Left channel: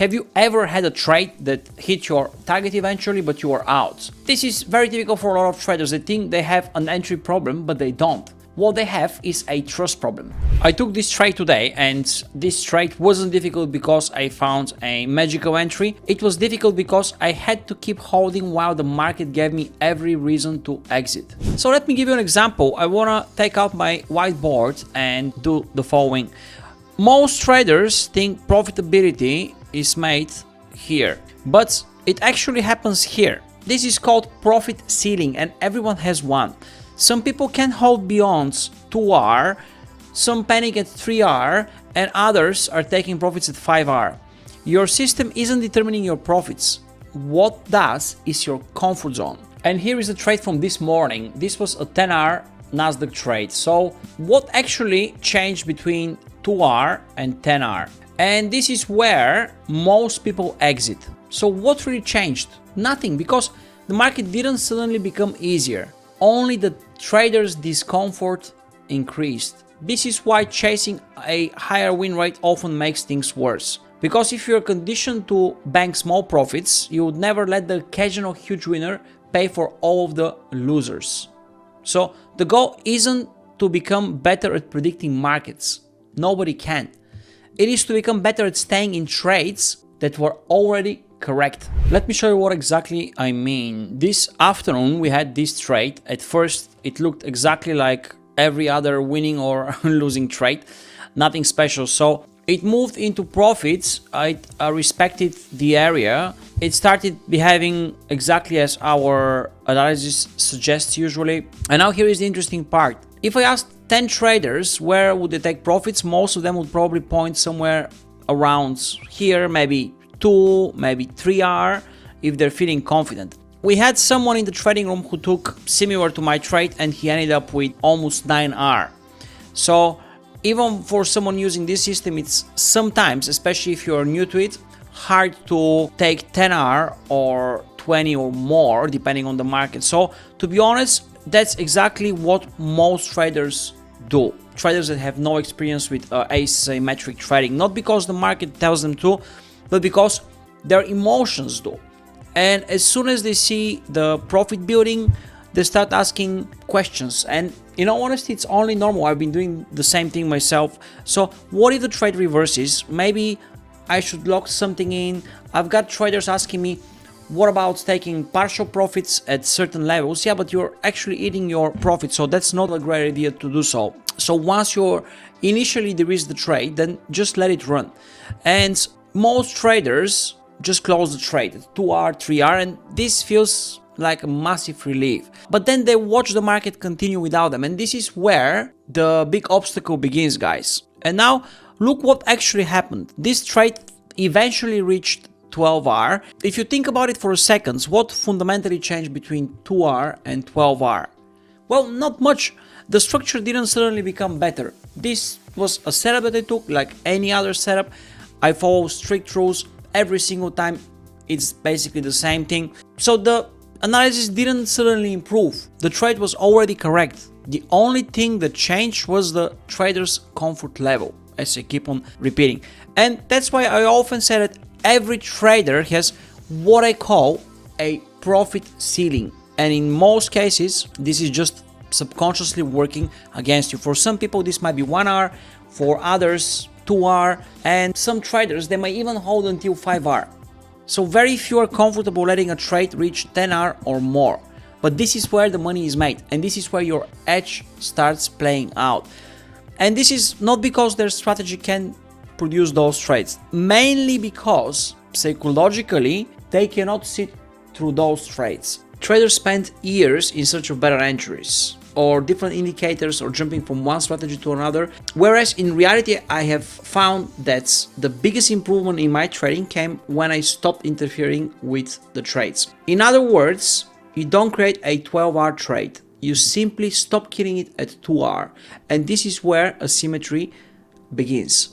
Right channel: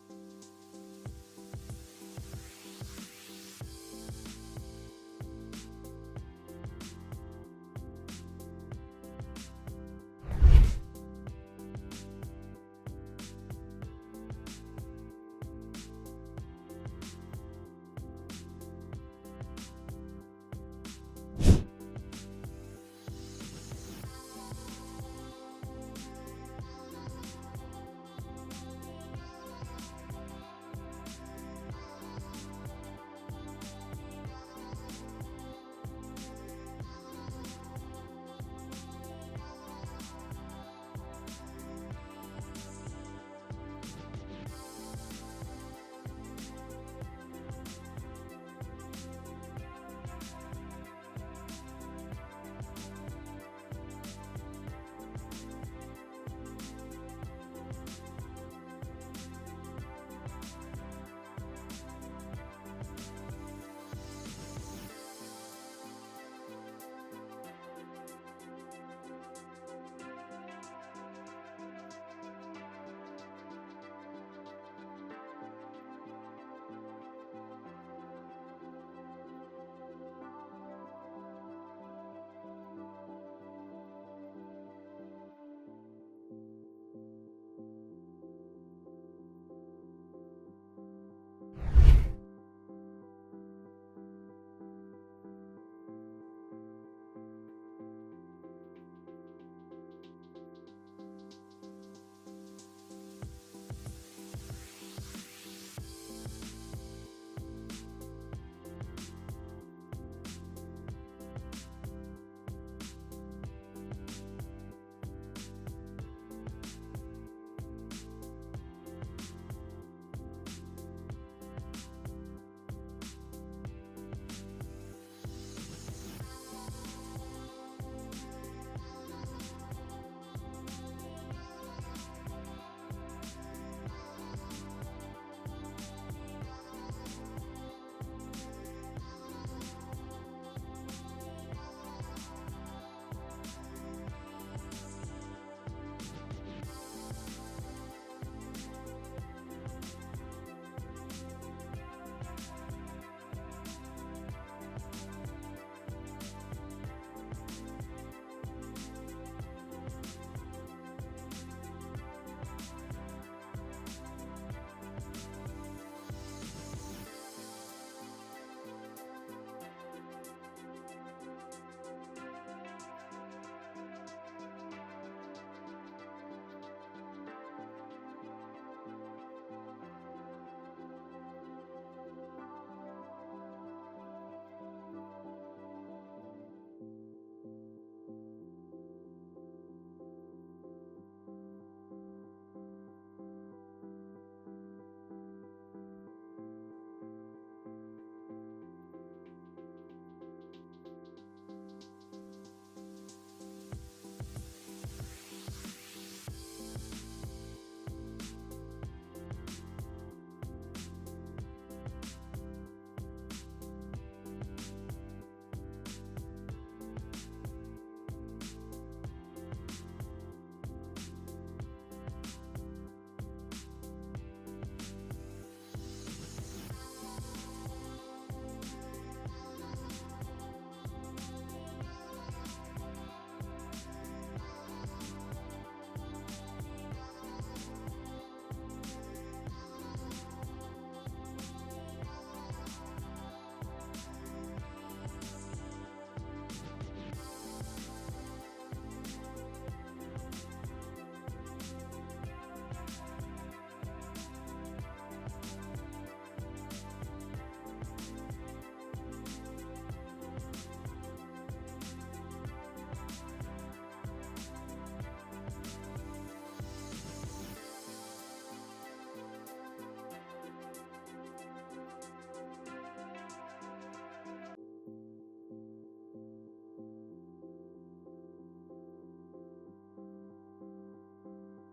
Have you ever had a trade that hit your target eventually, but you are out? This is very typical for a lot of traders. They think they have an entry problem, but they don't. What they have is a trust problem. I took this trade today, and this trade wasn't difficult because I found a magical entry. It was difficult because I had to keep holding while the market gave me every reason to exit. So let me give you an example. I wanna take out my whiteboard and do the following. Most traders think profitability is made here, but it actually happens here. This is called profit ceiling, and everyone has one. Some people can hold beyond 2R, some panic at 3R, and others are taking profits at 5R. Your system isn't determining your profits. What does is your comfort zone. And here is the trade from this morning. This was a 10R Nasdaq trade. So what actually changed between 2R and 10R? And this is where most people exit. So what really changed? Nothing, because the market didn't suddenly become easier. Only the traders' discomfort increased. This is why chasing a higher win rate often makes things worse. Because if you're conditioned to bank small profits, you would never let the occasional huge winner pay for all of the losers. So the goal isn't to become better at predicting markets. Nobody can. It is to become better at staying in trades that were already correct. Let me show you what exactly I mean. This afternoon we had this trade. At first it looked exactly like every other winning or losing trade, nothing special. So it moved into profits. I respected the area. It started behaving exactly as our analysis suggests usually. And now here is the interesting part. If I asked 10 traders where would they take profits, most of them would probably point somewhere around here, maybe 2, maybe 3R, if they're feeling confident. We had someone in the trading room who took similar to my trade, and he ended up with almost 9R. So even for someone using this system, it's sometimes, especially if you're new to it, hard to take 10R or 20 or more, depending on the market. So to be honest, that's exactly what most traders do. Traders that have no experience with asymmetric trading, not because the market tells them to, but because their emotions do. And as soon as they see the profit building, they start asking questions. And in all honesty, it's only normal. I've been doing the same thing myself. So what if the trade reverses? Maybe I should lock something in. I've got traders asking me, what about taking partial profits at certain levels? Yeah, but you're actually eating your profit, so that's not a great idea to do so. So once you're initially de-risk the trade, then just let it run. And most traders just close the trade at 2R, 3R, and this feels like a massive relief. But then they watch the market continue without them, and this is where the big obstacle begins, guys. And now look what actually happened. This trade eventually reached 12R. If you think about it for a second, what fundamentally changed between 2R and 12R? Well, not much. The structure didn't suddenly become better. This was a setup that I took like any other setup. I follow strict rules every single time. It's basically the same thing. So the analysis didn't suddenly improve. The trade was already correct. The only thing that changed was the trader's comfort level, as I keep on repeating. And that's why I often say that every trader has what I call a profit ceiling. And in most cases, this is just subconsciously working against you. For some people, this might be 1R, for others, 2R, and some traders, they might even hold until 5R. So very few are comfortable letting a trade reach 10R or more. But this is where the money is made, and this is where your edge starts playing out. And this is not because their strategy can produce those trades, mainly because psychologically they cannot sit through those trades. Traders spend years in search of better entries or different indicators or jumping from one strategy to another, whereas in reality I have found that the biggest improvement in my trading came when I stopped interfering with the trades. In other words, you don't create a 12R trade, you simply stop killing it at 2R, and this is where asymmetry begins.